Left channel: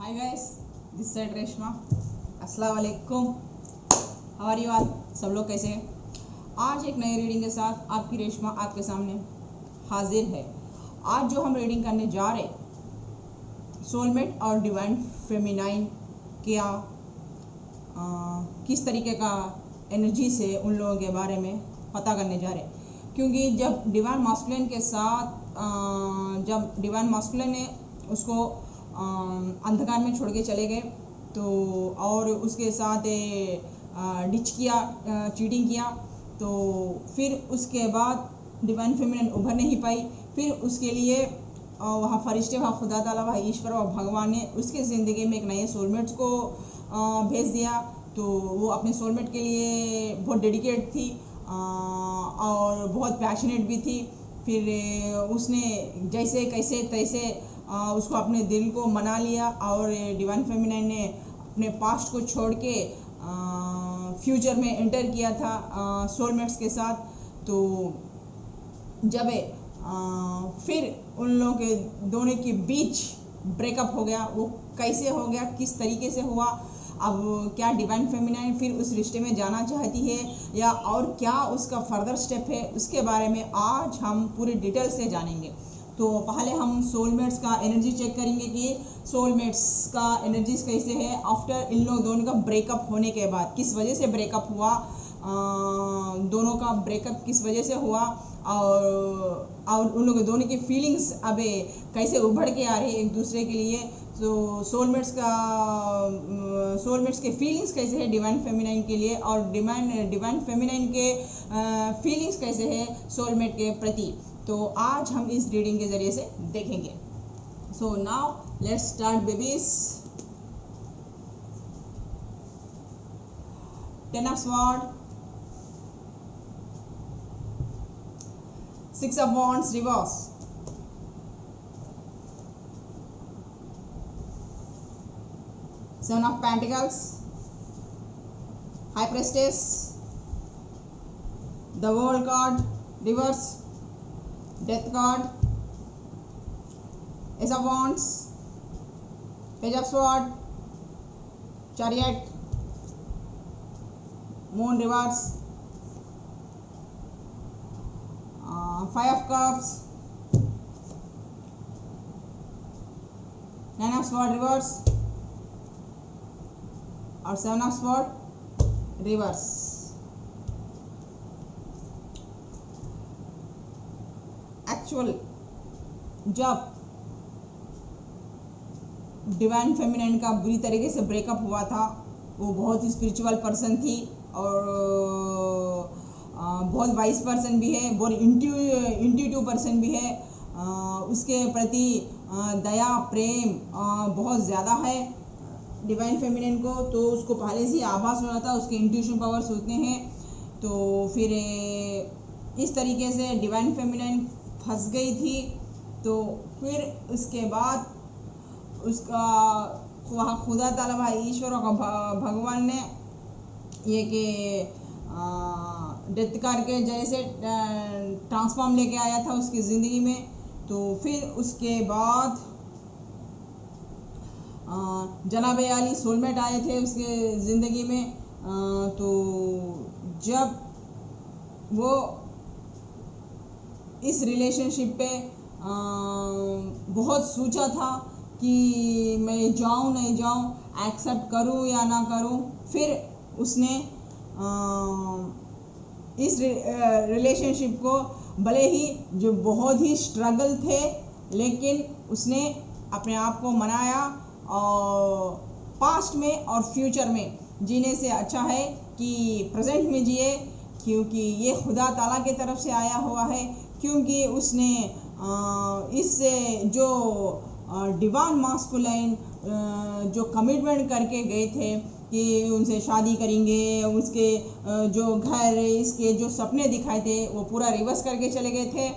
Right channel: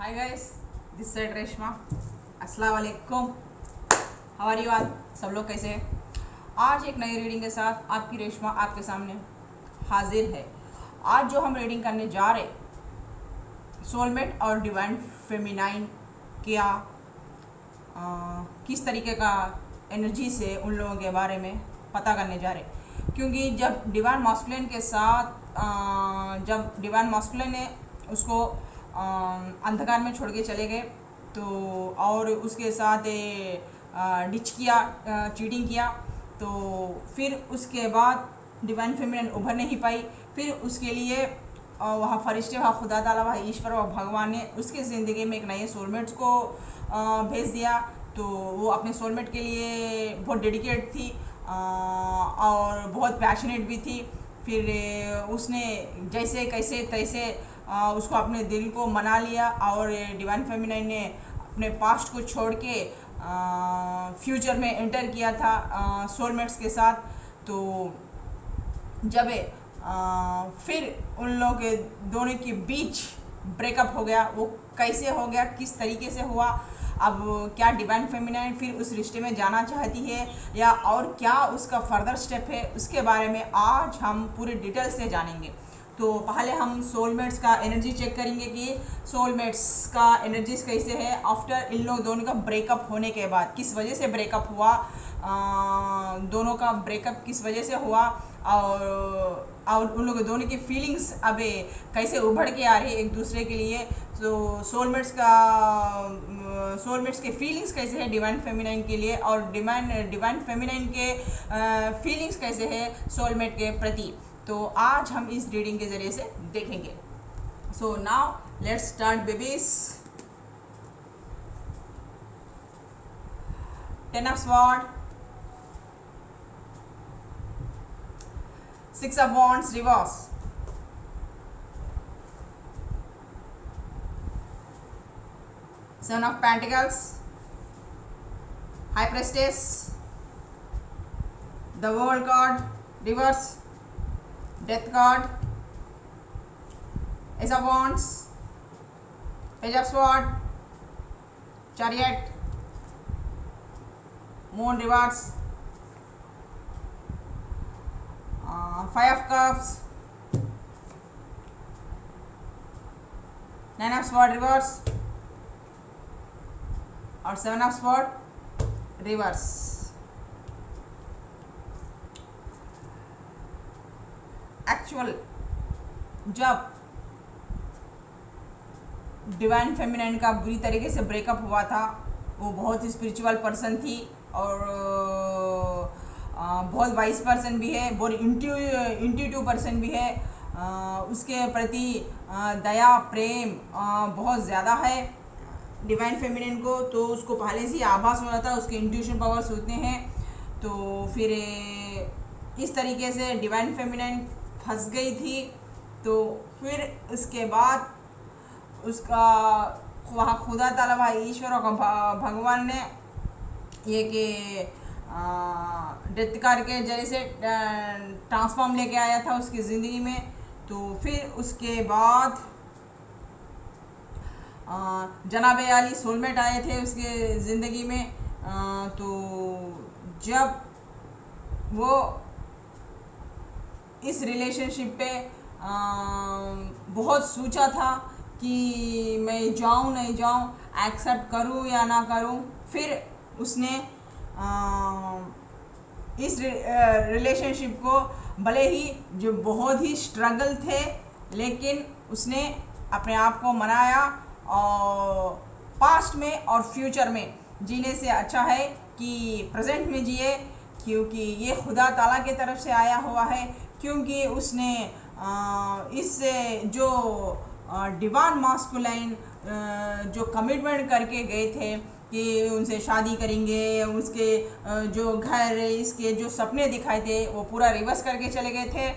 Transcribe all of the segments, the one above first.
Hi guys, this side Reshma. अस्सलाम वालेकुम। How are you all? सब लोग कैसे हैं? आज एक नई रीडिंग के साथ आपकी रेशमा आपके सामने हाजिर है। आज जो हम रीडिंग करने जा रहे, सोलमेट और डिवाइन फेमिनाइन क्या किस तरीके का एनर्जी से उन लोगों के बारे में पता करने जा रहे। क्योंकि जब डिवाइन मास्कुलिन के साथ जब डिवाइन मास्कुलिन ने उसको अंधकार में छोड़ के चले गए, तो और उसके साथ डिच किया, चीटिंग किया, तो फिर उसके बाद डिवाइन फेमिनिन उभर नहीं पाई। फिर उसके लिए वहाँ फरिश्ते, वहाँ खुदा ताला, वहाँ ईश्वर और भगवान ने उसके ज़िंदगी में एक नए सोलमेट्स को भेज दिया। तो वो अपने सोलमेट के लिए बहुत डेडिकेट थी और बहुत पैशनेट भी थी। फिर उसने जैसे कैसे तैसे उसको अपने दिल को मना लिया और डिवाइन फेमिनाइन ने अपने पास्ट को छोड़ के फ्यूचर में एंटर किया था सोलमेट्स के साथ। तो जब फिर उन लोगों के दोनों के बीच ब्रेकअप हो गया, वो कैसे हो गया, किस तरीके से हुआ, अब क्या डिवाइन फेमिनाइन फिर उस रिश्ते में जाना चाहती है या और क्या उसका फर्दर स्टेप है, उसके बारे में आज हम पूरे डिटेल से जानेंगे। तो पहले हम सोलमेट्स का एनर्जी चेक करेंगे कि सोलमेट्स का एनर्जीज कैसे है आफ्टर इन लोग दोनों का ब्रेकअप होने के बाद, किस वजह से ब्रेकअप हुआ, दोनों का ब्रेकअप किस वजह से हुआ और उन लोगों दोनों की फीलिंग्स अब कैसे उभर के आ रही है एक दूसरे के लिए। तो सोलमेट्स के फीलिंग्स कैसे है डिवाइन फेमिनाइन के लिए और डिवाइन फेमिनाइन के फीलिंग्स कैसे है सोलमेट के प्रति, तो आज हम इस रीडिंग के जरिए से देखेंगे। So now let's start babies. 10 of Swords, 6 of Wands reverse, 7 of Pentacles, High Priestess, the World card reverse, Death card, Ace of Wands, Page of Swords, Chariot, Moon reverse, 5 of Cups, 9 of Swords reverse और 7 of Swords reverse। Actual जब divine feminine का बुरी तरीके से breakup हुआ था, वो बहुत ही स्पिरिचुअल पर्सन थी और बहुत वाइस पर्सन भी है, बहुत इंट्यूटिव पर्सन भी है। उसके प्रति दया प्रेम बहुत ज़्यादा है डिवाइन फेमिनिन को, तो उसको पहले से ही आभास हो जाता, उसके इंट्यूशन पावर्स होते हैं। तो फिर इस तरीके से डिवाइन फेमिनिन फंस गई थी। तो फिर उसके बाद उसका वहाँ खुदा ताला, वहाँ ईश्वर और भगवान ने ये कि डेथ करके जैसे ट्रांसफॉर्म लेके आया था उसकी ज़िंदगी में। तो फिर उसके बाद जनाबे अली सोलमेट आए थे उसके ज़िंदगी में। तो जब वो इस रिलेशनशिप पे बहुत सोचा था कि मैं जाऊं नहीं जाऊं, एक्सेप्ट करूं या ना करूं, फिर उसने इस रिलेशनशिप को भले ही जो बहुत ही स्ट्रगल थे, लेकिन उसने अपने आप को मनाया और पास्ट में और फ्यूचर में जीने से अच्छा है कि प्रेजेंट में जिए, क्योंकि ये खुदा ताला की तरफ से आया हुआ है। क्योंकि उसने इससे जो डिवाइन मास्कुलाइन जो कमिटमेंट करके गए थे कि उनसे शादी करेंगे, उसके जो घर, इसके जो सपने दिखाए थे वो पूरा रिवर्स करके चले गए थे।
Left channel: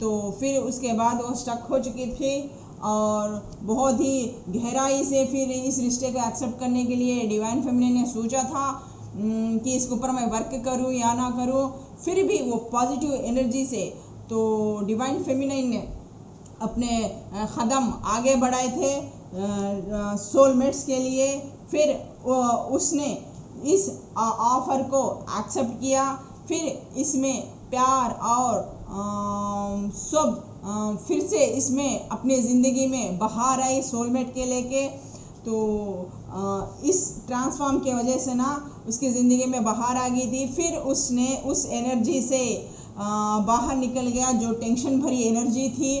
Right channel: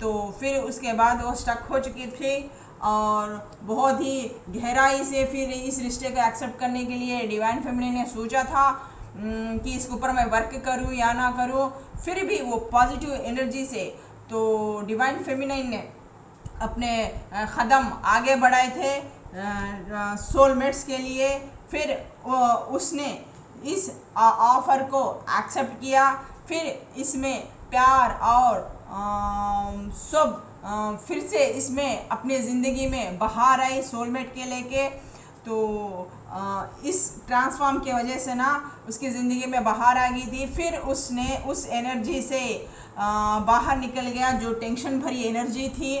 तो फिर उसके बाद वो स्टक हो चुकी थी और बहुत ही गहराई से फिर इस रिश्ते को एक्सेप्ट करने के लिए डिवाइन फेमिनिन ने सोचा था कि इसके ऊपर मैं वर्क करूं या ना करूं। फिर भी वो पॉजिटिव एनर्जी से, तो डिवाइन फेमिनिन ने अपने कदम आगे बढ़ाए थे सोलमेट्स के लिए। फिर उसने इस ऑफ़र को एक्सेप्ट किया। फिर इसमें प्यार और सब फिर से इसमें अपने ज़िंदगी में बहार आई सोलमेट के लेके। तो इस ट्रांसफॉर्म की वजह से ना उसकी ज़िंदगी में बहार आ गई थी। फिर उसने उस एनर्जी से बाहर निकल गया, जो टेंशन भरी एनर्जी थी,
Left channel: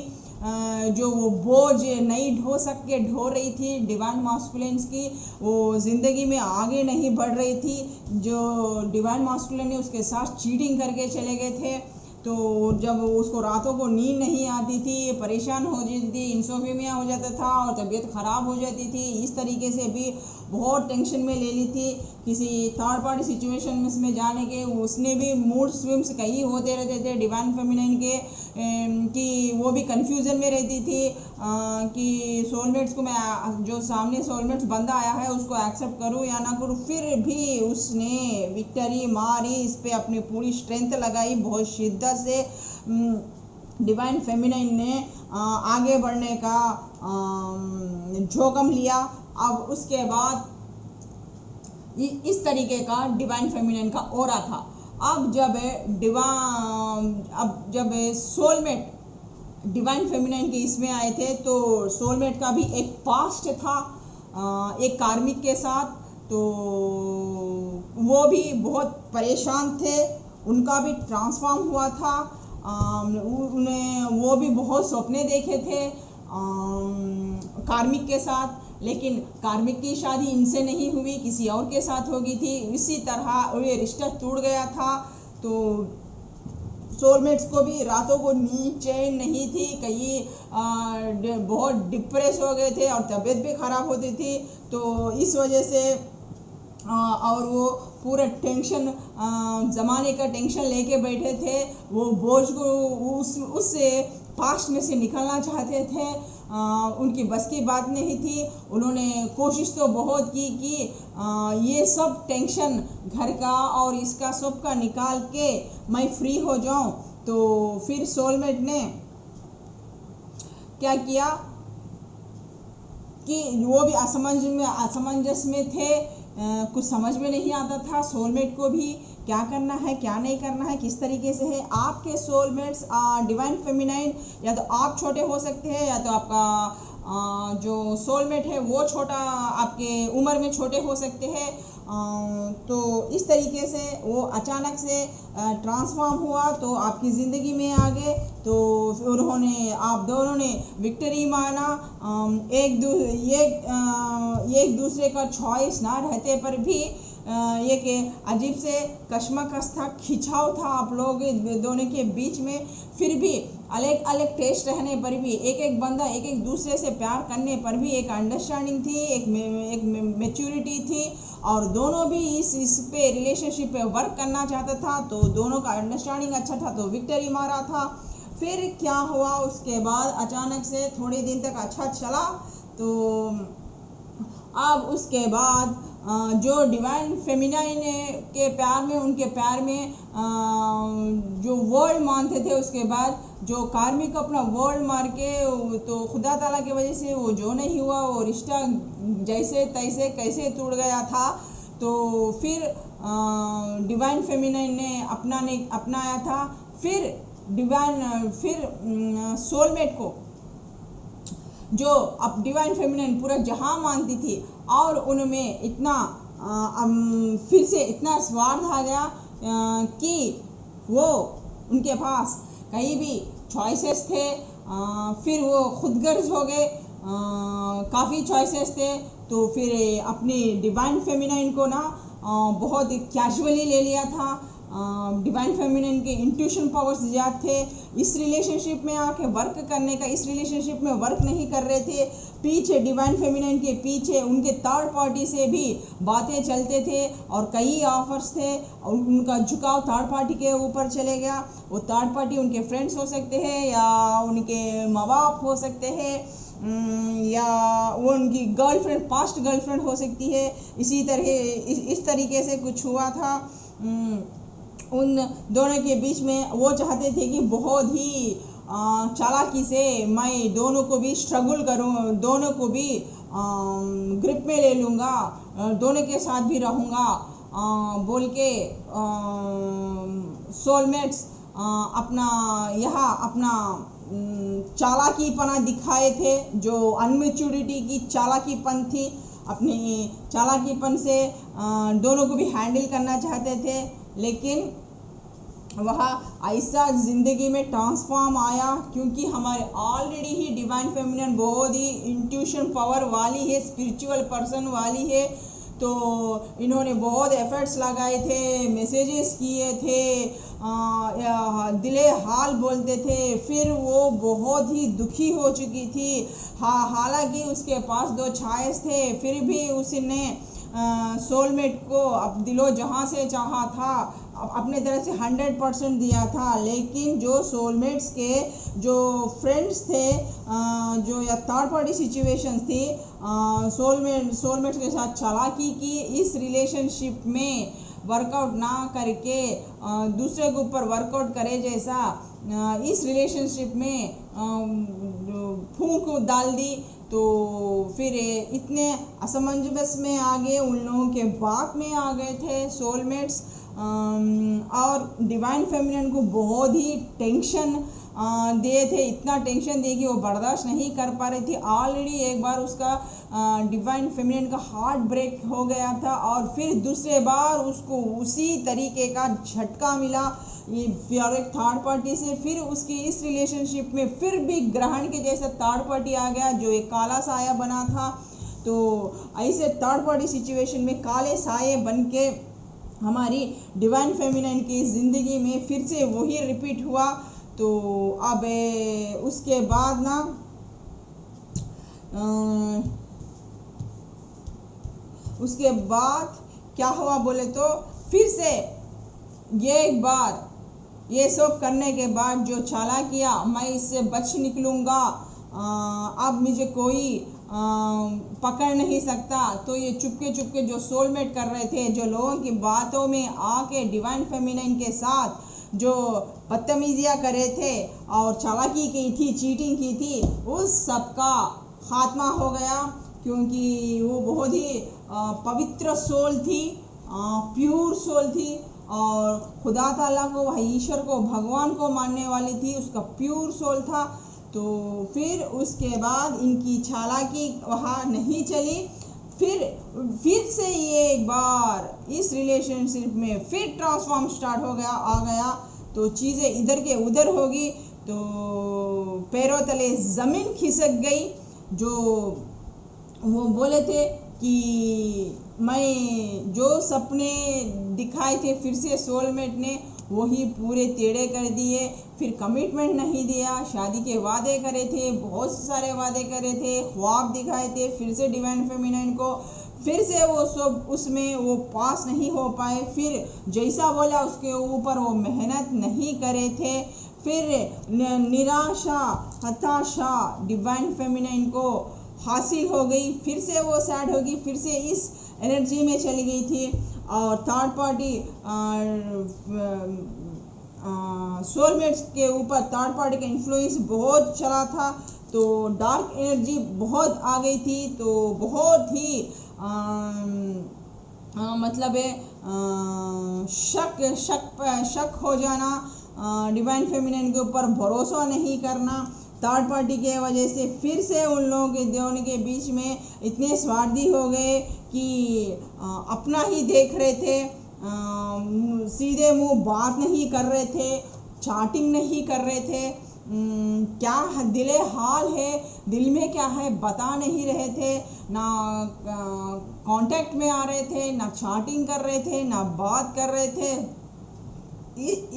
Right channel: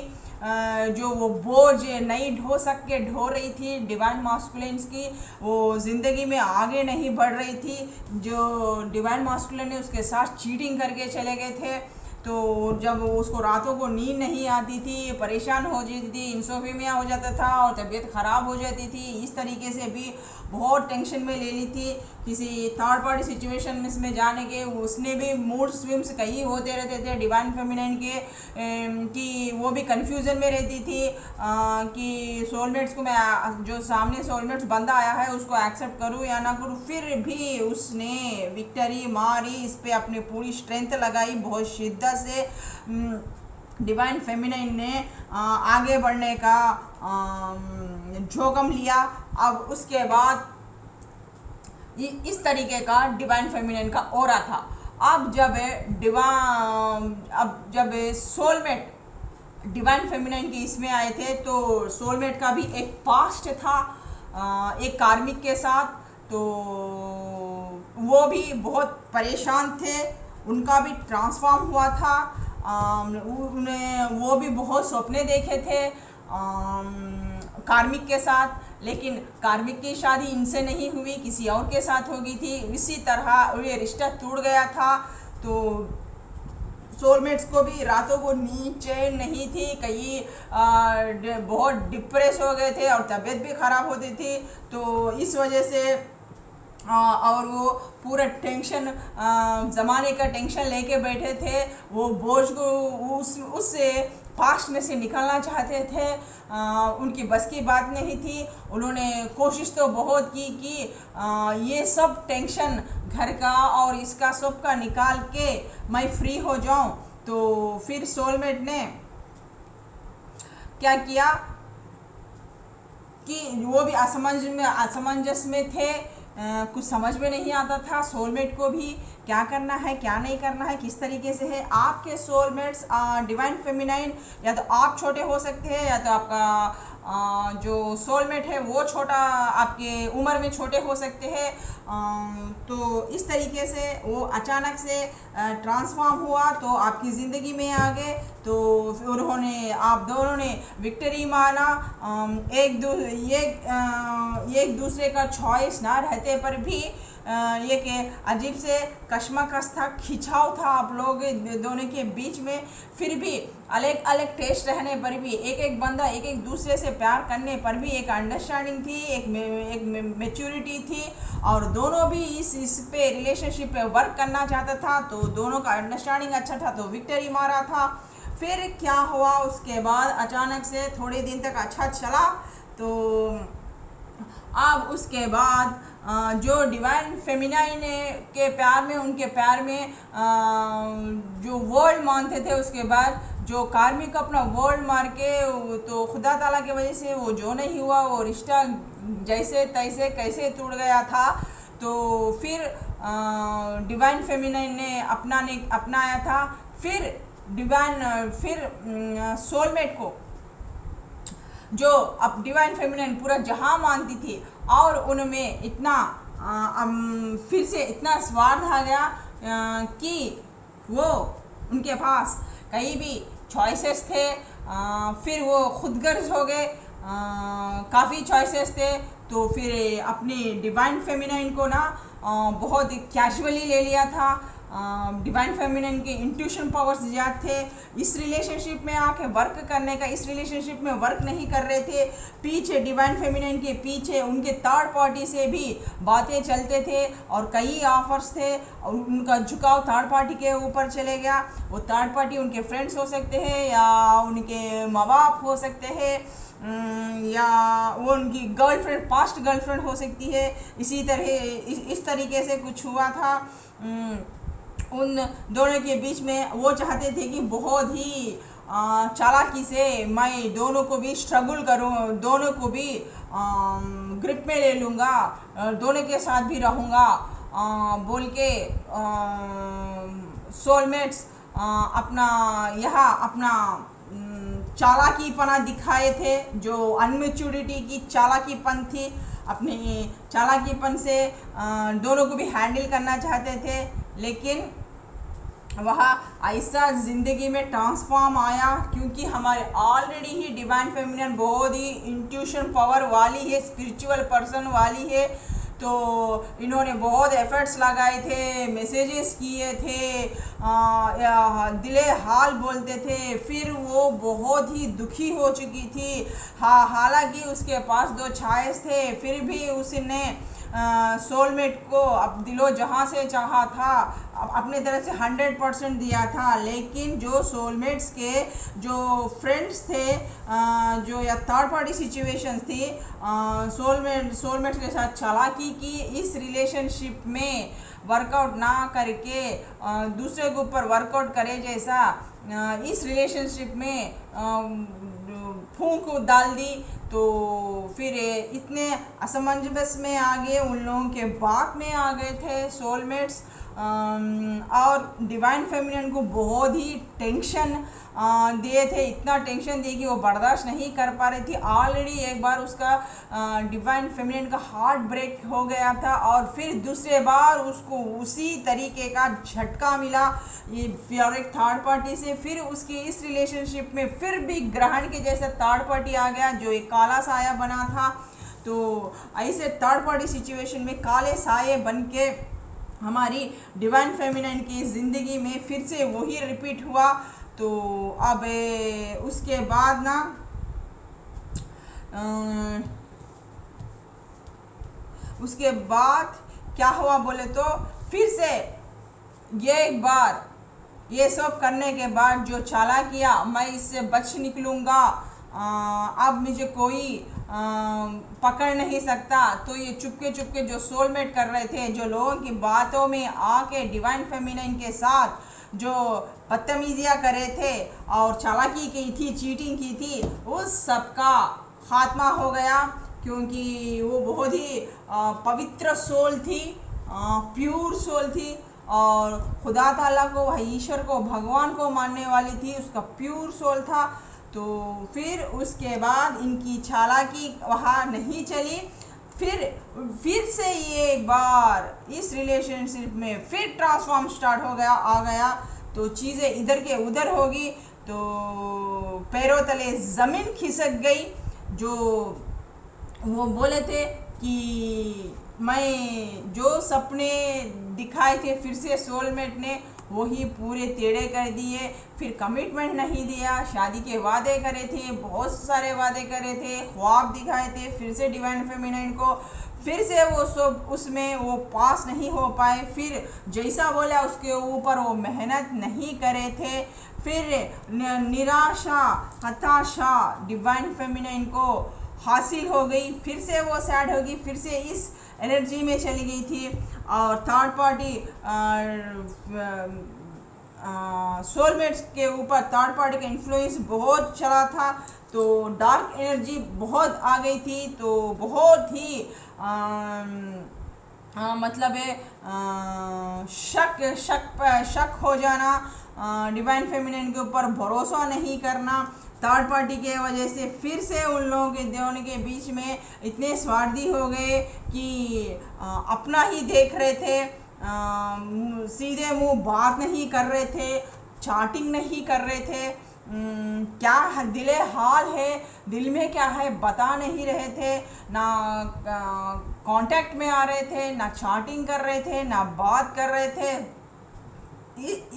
जो वो बोझ नहीं ढो रही थी डिवाइन मास्कुलिन्स की, वो ज़िंदगी में आगे नहीं बढ़ रही थी। जो डिवाइन मास्कुलिन ने उसके साथ चीटिंग करके चले गए थे, तो जब उसको रातों को नींद नहीं आती थी, परेशान हो जाती थी, इंसोम्निया हो जाता था और तबीयत ख़राब हो जाती थी। इस तरीके से भी बहुत टेंशन में ले ली थी किसी थर्ड पार्टी सिचुएशन में जाने के। उसने भी मूड स्विंग्स कई होते रहते थे डिवाइन फेमिनाइन के, कि वो भी कन्फ्यूज़न में रहती थी कि सोलमेट्स को मैं, जो सामने सोलमेट्स बंदा आया है उसको एक्सेप्ट करूँ या ना करूँ। फिर भी उसने विक्ट्री मारी, इस पर अपनी पूरी स्ट्रेंथ लगाई, बहुत शिद्दत से डिवाइन फेमिनाइन ने आगे बढ़ने का जोखम लिया। अब उसके बाद इस तरीके का डिवाइन फेमिनाइन का ऑरा था। अब जब सोलमेट डिवाइन फेमिनाइन के इसमें आए थे, तो सोलमेट का भी एक पास्ट था एक कार्मिक के साथ। तो वो भी बहुत परेशान थे, उनका भी ट्रांसफॉर्म हुआ था। वो भी बहुत सपने देखे थे कार्मिक के साथ, लेकिन कार्मिक की शादी इनसे नहीं हुई, किसी और के साथ हो गई थी। इसी तरह ये रिश्ता टूट गया था। तो सोलमेट्स को भी रातों को नींद चैन नहीं थी, कई बहुत डिप्रेस हो गए थे और तबीयत भी ख़राब होती थी। तो इस वजह से और वो पूरा टेंशन, ज़माने का टेंशन लेके बैठे थे। वो बोझ को उससे पास्ट में से निकलना चाहते थे, उनकी बस की बात नहीं थी। उन्होंने कोशिश तो बहुत की कि ये सब टेंशन घर का और इसका सब का निकाल के मैं फ्री हो जाऊं। तो फिर सोलमेट ने क्या किया कि वो भी असमंजस में थे, कुछ समझ में नहीं आता था सोलमेट को भी क्या करना है क्या नहीं करना है, किस तरीके से है। आपके सोलमेट्स डिवाइन फेमिनाइन, या तो आप छोटे हो सकते हैं या तो आपका जो सोलमेट है वो छोटा, आपके उम्र में छोटे हो सकते हैं। तो इस तरीके से वो अचानक से ट्रांसफॉर्म हुआ, तो आपकी ज़िंदगी में आ गए। तो आप दोनों ने विक्ट्री माना। एक दूसरे का चॉइस ना रहते पर भी एक अजीब से कश्मकश था, खिंचाव था आप लोग दोनों के बीच में। फिर भी अलग अलग टेस्ट रहने पर भी, एक बंदा एक दूसरे से प्यार करने पर भी एक अंडरस्टैंडिंग थी, एक मैच्योरिटी थी, और दोनों भी इस पे रिलेशनशिप पे वर्क करना चाहता था। तो दोनों का अंडरस्टैंडिंग अच्छा था, तो विक्ट्री मारा था। फिर क्या हुआ उसके बाद, अचानक से थोड़े दिन तक अच्छा चला। तो अब उसके बाद जो डिवाइन फेमिनाइन के प्यार में, उनके प्यार में जो वर्ल्ड मानते थे, उसके बाद जो कार्मिक अपना वर्ल्ड मार के, तो खुदा ताला की वजह से वो जो नहीं हुआ, वो रिश्ता जैसे तैसे कैसे टूट गया था। तो फिर डिवाइन फेमिनाइन ने अपनाया था। फिर सोलमेट को, जो अब डिवाइन फेमिनाइन पूरा जहां मानती थी, और उनमें इतना फिर से इतना स्वार्थ आ गया कि वो उनके पास कहीं भी चॉइसेस थे। फिर वो खुदगर्ज हो गए, काफ़ी चॉइसेस थे। तो फिर अपनी डिवाइन फेमिनाइन को ना बहुत कैजुअली ले लिया था। डिवाइन फेमिनाइन के इंट्यूशन पावर्स ज़्यादा थे। इस रिलेशनशिप में आके वर्क करने का, इस रिलेशनशिप में वर्क नहीं कर रहे थे। पीछे डिवाइन फेमिनाइन के पीछे उनके थर्ड पार्टी से भी बातें चलते थे और कई ऑफर्स थे, और उनका झुकाव थर्ड पार्टी के ऊपर चले गया। वो थर्ड पार्टी उनके फ्रेंड्स हो सकते हैं, या उनके माँ बाप हो सकते हैं, या वो उनकी गर्लफ्रेंड, पास्ट गर्लफ्रेंड हो सकती है। इस तरीके से कुछ हुआ था उन दोनों के बीच में। वो चाहते थे कि बहुत ही चालाकी से मैं दोनों को भी स्ट्रगल करूं, दोनों को भी ग्रिप में ले लूँगा, दोनों के साथ भी रहूँगा बोल के सोलमेट्स अपना चालाकीपना दिखाए थे, जो अनमेच्योरिटी की चालाकीपन थी। अपने चालाकीपन से दोनों को भी हैंडल करना चाहते थे, लेकिन वह ऐसा ज़िंदगी में ट्रांसफॉर्म आया क्योंकि हमारे ऑलरेडी ही डिवाइन फेमिनिन बहुत ही इंट्यूशन पावर वाली है, स्पिरिचुअल पर्सन वाली है। तो इन्होंने बहुत एफर्ट्स लगाए थे, मैसेजेस किए थे, दिले हाल बोलते थे। फिर वो बहुत ही दुखी हो चुकी थी। हालांकि उसके पास 2 चॉइस थे, फिर भी उसने सोलमेट को अब दिलो जहाँ से चाहा था, अपने तरफ से 100% दिया था। लेकिन जो सोलमेट्स के जो फ्रेंड्स थे, जो या थर्ड पार्टी सिचुएशंस थी, सोलमेट्स के साथ चालाकी की इस रिलेशनशिप में वर्कआउट ना करके दूसरे के ऊपर वर्कआउट करे जैसा इस रिलेशनशिप में फूंक डाल दी। तो फिर इतने असमंजस में आ गए, उन लोगों के बात में आ गए थे सोलमेट्स, और डिवाइन फेमिनिन को बहुत ही टेंशन दिए थे। इतना टेंशन दिए कि वो बर्दाश्त नहीं कर पा रही थी। ऑलरेडी एक बार उसका डिवाइन फेमिनिन का हार्ट ब्रेक हो गया था, और फिर दूसरे बार उसको उसी तरीके का झटका मिला ये और एक थर्ड पार्टी से। फिर उसकी इस रिलेशनशिप में फिर भी ग्रहण के जैसा थर्ड पार्टी आ गया, जो एक काला साया बना था। तो ऐसे थर्ड पार्टी सिचुएशन में काले साये बन के हमारी डिवाइन फेमिनिन की ज़िंदगी में फिर से वही रिपीट हुआ। तो अब उसके बाद ना उसके बाद क्या हुआ बोले तो, फिर से ये एक बार ये सब करने के बाद जो चाला किया, मैं इससे बच निकलूँगा, अब मुझे कोई पकड़ नहीं सकता। तो ये चुपके चुपके जो सोलमेट कर रहे थे, जो लोगों की बातों में आके डिवाइन फेमिनिन के साथ जो बदतमीजियाँ करे थे और चालाकी की थी, चीटिंग की थी, उस सब का खात्मा हो गया। क्योंकि वो बहुत ही पवित्र सोल थी, प्योर सोल थी, और खुदा ताला को, वह ईश्वर को, भगवान को मानने वाली थी, उसका प्योर सोल था। तो फिर उसके बाद इनकी चालाकी वहाँ नहीं चली। फिर से ये एक बार इस रिलेशनशिप में फिर ट्रांसफॉर्म स्टार्ट हो गया, आ गया। तो चीज़ें इधर के उधर होगी, तो पैरों तले ज़मीन खिसक गई। जो वो बोले थे कि मैं जो सपने दिखाए थे, फिर से सोलमेट ने वही पूरे टेढ़े कर दिए। फिर कमिटमेंट नहीं दिया, शादी के वादे करे थे, बहुत सारे वादे करे थे, ख्वाब दिखाए थे फिर से डिवाइन फेमिनिन को, फिर से वो सब उसमें वो पास नहीं हो पाए। फिर जैसा बोला उसके ऊपर वो मेहनत नहीं करे थे। फिर निराशा, हताशा डिवाइन फेमिनिन को हासिल हो गई। फिर से वो सैड होगी, फिर से इस एनर्जी में चली गई थी। और थर्ड पार्टी सोलमेट्स के ऊपर थर्ड पार्टी का इन्फ्लुएंस बहुत चला था, तो डार्क एनर्जी बहुत आ गई थी। तो बहुत ही मतलब शक हो जाना, डिवाइन फेमिनिन के ऊपर भरोसा नहीं करना थर्ड पार्टी के वजह से। फिर से उन लोगों के दोनों के बीच में इतने स्वार्थी हो गए कि अपना ही देख रहे थे, सीधे मुंह बात नहीं कर रहे थे, चैटिंग नहीं कर रहे थे, क्या दिले हाल है, दिल में क्या है बता नहीं रहे थे, ना कांटेक्ट में आ रहे थे, ना चैटिंग कर रहे थे, ना बात कर रहे थे।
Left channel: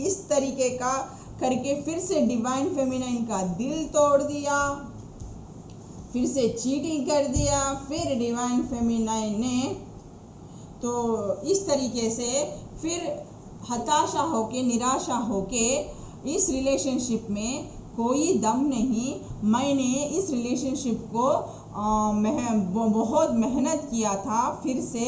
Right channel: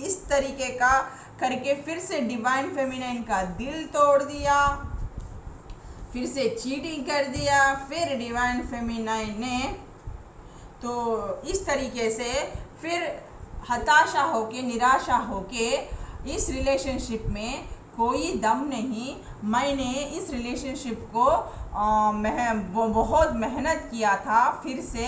इस तरीके का करके फिर से डिवाइन फेमिनिन का दिल तोड़ दिया, फिर से चीटिंग कर दिया। फिर डिवाइन फेमिनिन ने तो इस तरीके से फिर हताशा होके, निराशा होके, इस रिलेशनशिप में कोई दम नहीं, मैंने इस रिलेशनशिप को बहुत मेहनत किया था। फिर से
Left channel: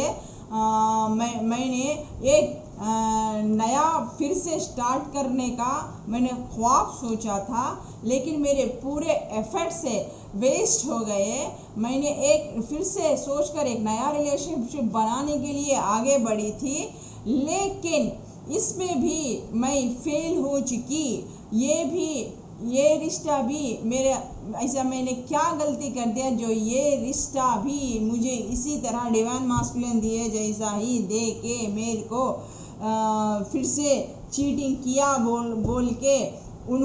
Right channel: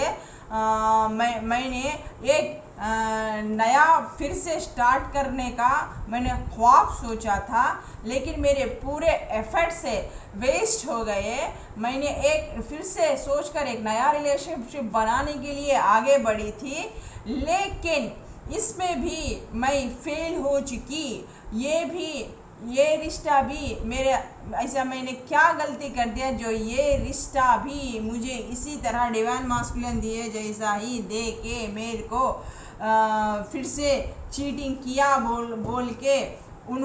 मैंने एक नया फिर से स्टार्ट करने का मैंने ख्वाब सोचा था, लेकिन मेरे पूरे एफर्ट से वेस्ट हो गए। मैंने एक फिर से सोचकर एक नया रिलेशनशिप बनाने के लिए आगे बढ़ी थी, लेकिन इसमें भी मैं फेल हो चुकी। ये रिश्ता भी मेरे, ऐसा मैंने क्या गलती कर दिया जो ये रिश्ता भी मुझे इसी तरह डिवाइन मास्कुलिन दिए जैसा ही दे के मेरे को फिर से चीटिंग किया बोल के उन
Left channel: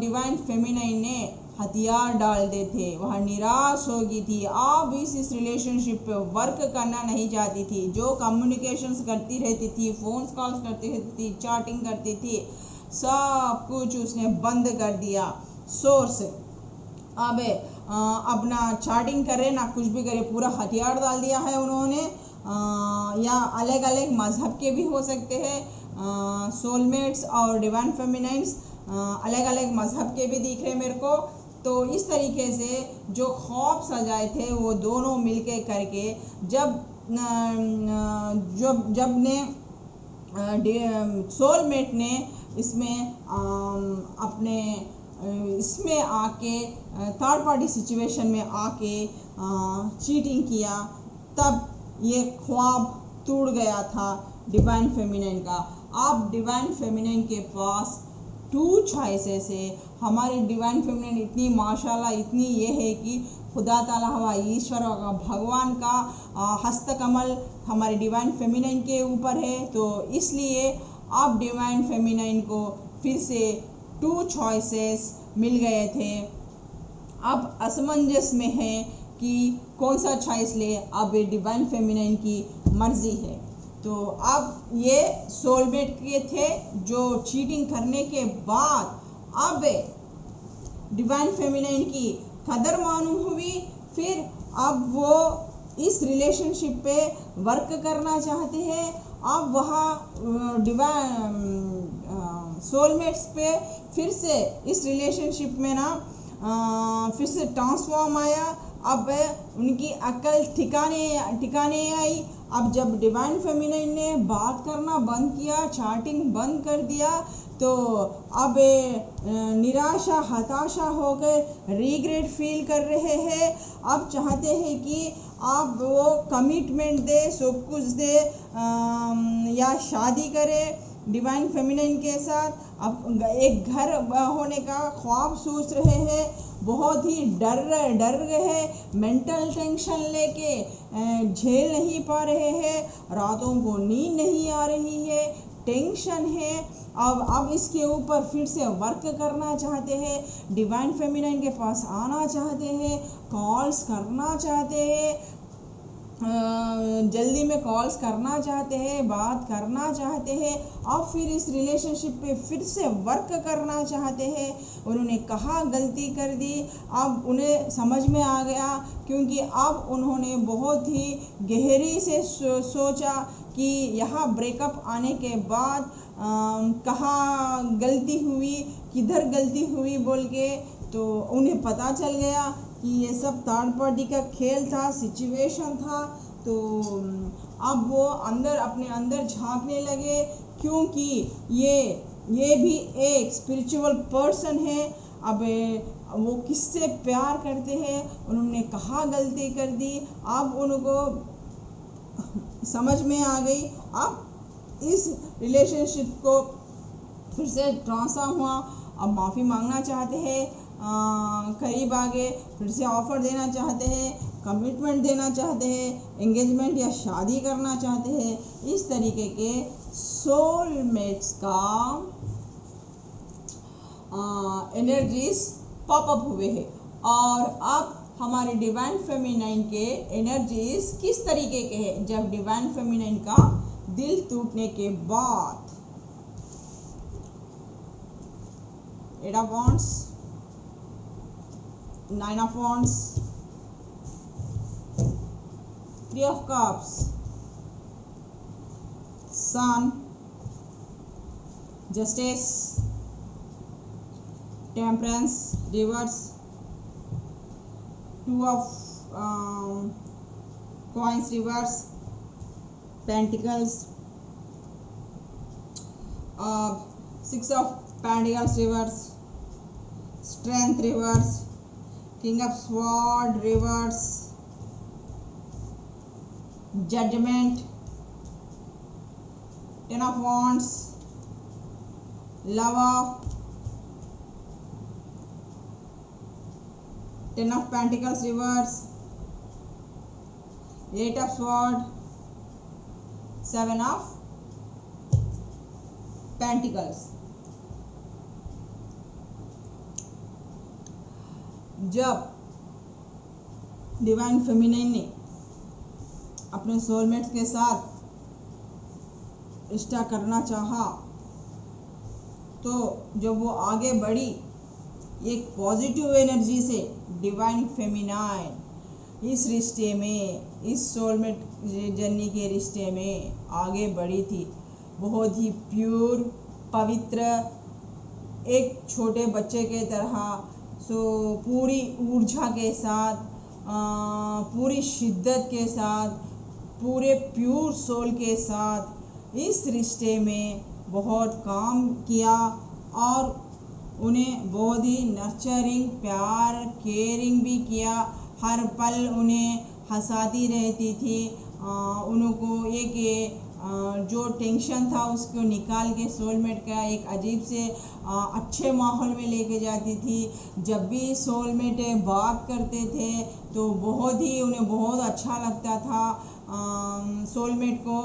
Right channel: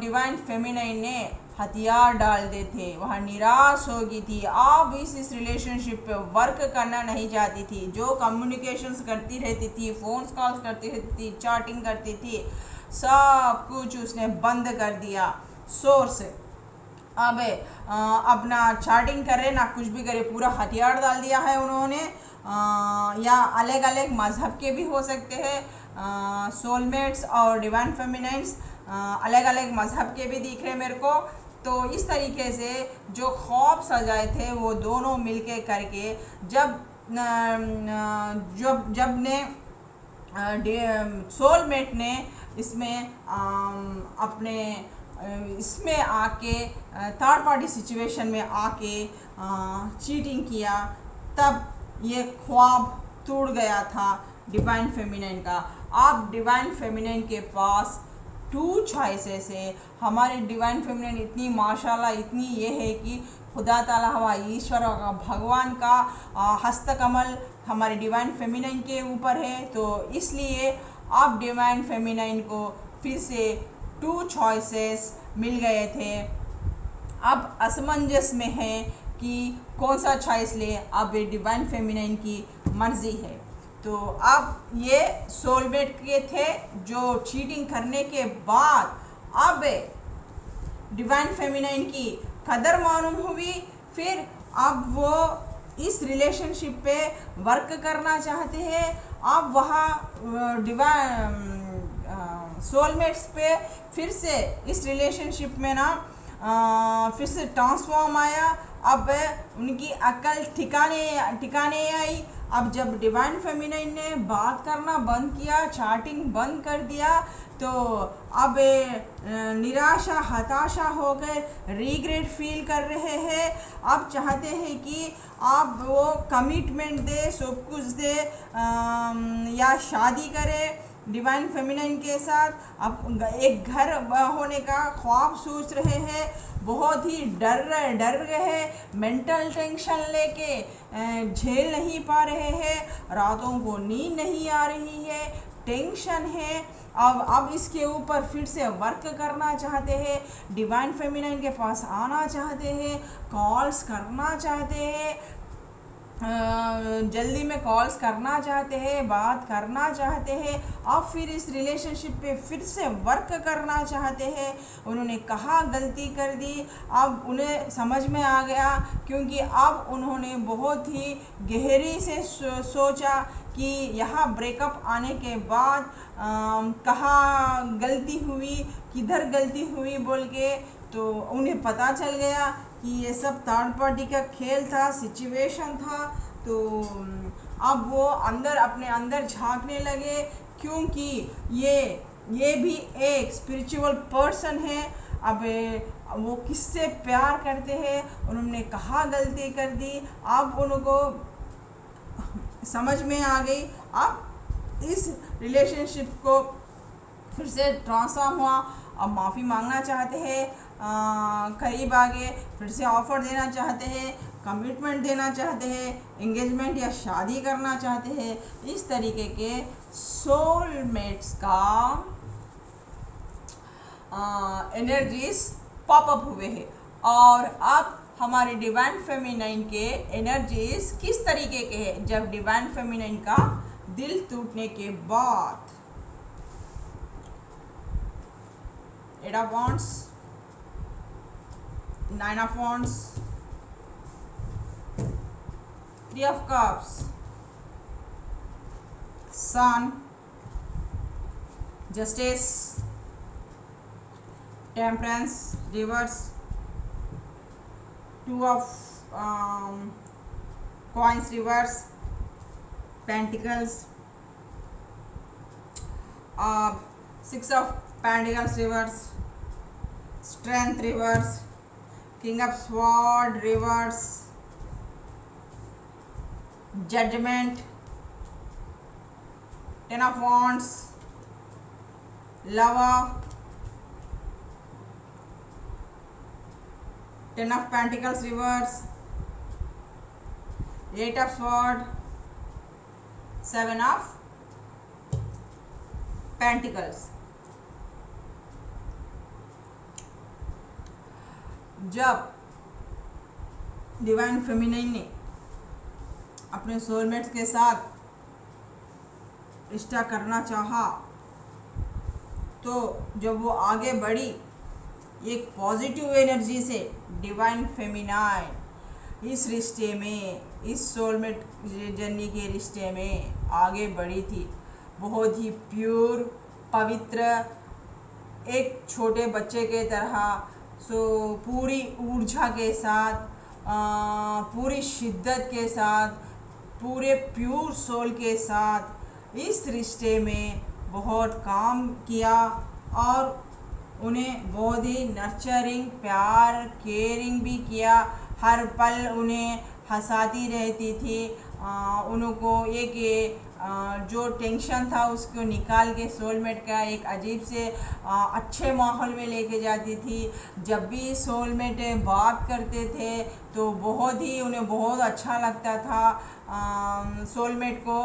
डिवाइन फेमिनाइन ने हथियार डाल दे थे। वह निराश हो गई थी, अब इस रिलेशनशिप पे वर्क करना नहीं चाहती थी। जो कम्युनिकेशंस करती रहती थी, फ़ोन कॉल्स करती रहती थी, चैटिंग करती थी, सब कुछ उसने बंद कर दिया सोर्स। अब अपना चैटिंग करे ना कुछ भी करे, पूरा हथियार डाल दिया है उन्होंने। या अलग अलग मज़हब के भी हो सकते हैं, सोलमेट्स और डिवाइन फेमिनाइन्स अलग अलग मज़हब के भी दिख रहे मेरे को। तो इस तरीके से जो ख्वाब सजाए थे वो दोनों मिलके करके जब ने सोलमेट ने इसमें अपने इसमें आके थर्ड पार्टी सिचुएशन में आके चीटिंग किया, तब ये ख्वाब टूट गया था डिवाइन फेमिनाइन का। अब डिवाइन फेमिनाइन के पास 2 चॉइसेस है। हमारी डिवाइन फेमिनाइन इतनी माशाल्लाह इतनी ये है कि खुदा ताला हवा ईश्वर का भगवान का हस्तकमल हमारी डिवाइन फेमिनाइन के ऊपर है। तो इसलिए अब डिवाइन फेमिनाइन को फिर से 2 चॉइसेस मिल गए थे। अब असमंजस में है कि कौन सा चॉइस ले, अब ये डिवाइन फेमिनाइन की मर्जी है। तो अब ये सोलमेट के थे जो चीटिंग करने के बाद अब डिवाइन फेमिनाइन की कदर मालूम हुई, फिर अब वो इस रिलेशनशिप पे वर्क करना चाहते हैं। अब वह डिवाइन सोलमेट्स पे फिर से इस रिलेशनशिप में ना फिर से ट्रांसफॉर्म आया। अब उनकी अकल ठिकाने आई। अब जब डिवाइन फेमिनाइन ने बात करना बंद किया, चैटिंग बंद कर दिया, तो अब निराशा हताशा होकर रिग्रेट फील कर रहे हैं। अब चाहते हैं कि आप वो कमिटमेंट दे, सब कुछ दे, या शादी करे डिवाइन फेमिनाइन के साथ। अब एक घर होने का ख्वाब सोच रहे हैं, बहुत ही डर गए हैं, मेंटल टेंशन लेके झेल नहीं पा रहे हैं, रातों को नींद नहीं आ रही है, टेंशन है। अब इसके ऊपर फिर से वर्क करना चाहते हैं, डिवाइन फेमिनाइन के पास आना चाहते हैं, कॉल्स करना चाहते हैं, जल्दी में कॉल्स करना चाहते हैं, बात करना चाहते हैं। अब फिर इस रिलेशनशिप पे फिर से वर्क करना चाहते हैं। उन्होंने कहा गलती कर दी, अब उन्हें समझ में आ गया, क्योंकि अब उन्होंने बहुत ही गहरी से सोचा कि यहाँ ब्रेकअप आने के बाद कहाँ गलती हुई, किधर गलती हुई बोल के। तो उन्हें पता चल गया कि ये सब थर्ड पार्टी का खेल था, सिचुएशन था। तो अब वो अपने अंदर झांकने लगे, क्योंकि ये भी एक स्पिरिचुअल पर्सन है। अब वो किससे प्यार करते हैं, उन्होंने कहा गलती कर दी, अब उनको समझ में आ गई। अब इस रिलेशनशिप को फिर से ट्रांसफॉर्म हुआ, अब माफ़ी मांगना चाहते हैं, करीब आगे फिर से ऑफ़र देना चाहते हैं, कमिटमेंट देना चाहते हैं, एंगेजमेंट या शादी करना चाहते हैं। इस तरीके के सोलमेट्स का एनर्जीज पॉपअप हुए हैं। और अब हमारे डिवाइन फेमिनाइन के एनर्जीज किस तरीके के हैं, जब डिवाइन फेमिनाइन का दिल टूटने के बाद। 8 of Wands, 9 of Wands, 3 of Cups, Sun, Justice, Temperance, Reverse, 2 of Coins Reverse, Pentacles, 6 of Pentacles Reverse, Strength Reverse, king of sword reverse, judgement, ten of wands, lover, ten of pentacles reverse, eight of sword, seven of pentacles. जब divine feminine ने अपने soulmates के साथ रिश्ता करना चाहा, तो जब वो आगे बढ़ी एक पॉजिटिव एनर्जी से, डिवाइन फेमिनाइन इस रिश्ते में, इस सोलमेट जर्नी के रिश्ते में आगे बढ़ी थी। बहुत ही प्योर, पवित्र, एक छोटे बच्चे के तरह, पूरी ऊर्जा के साथ, पूरी शिद्दत के साथ, पूरे प्योर सोल के साथ इस रिश्ते में बहुत काम किया और उन्हें बहुत ही नर्चरिंग, प्यार, केयरिंग भी किया। हर पल उन्हें हंसाती रहती थी। उनको एक जो टेंशन था उसको निकाल के सोलमेट का एक अजीब से अच्छे माहौल में लेके जाती थी। जब भी सोलमेट बात करते थे तो उन्हें बहुत अच्छा लगता था। सोलमेट को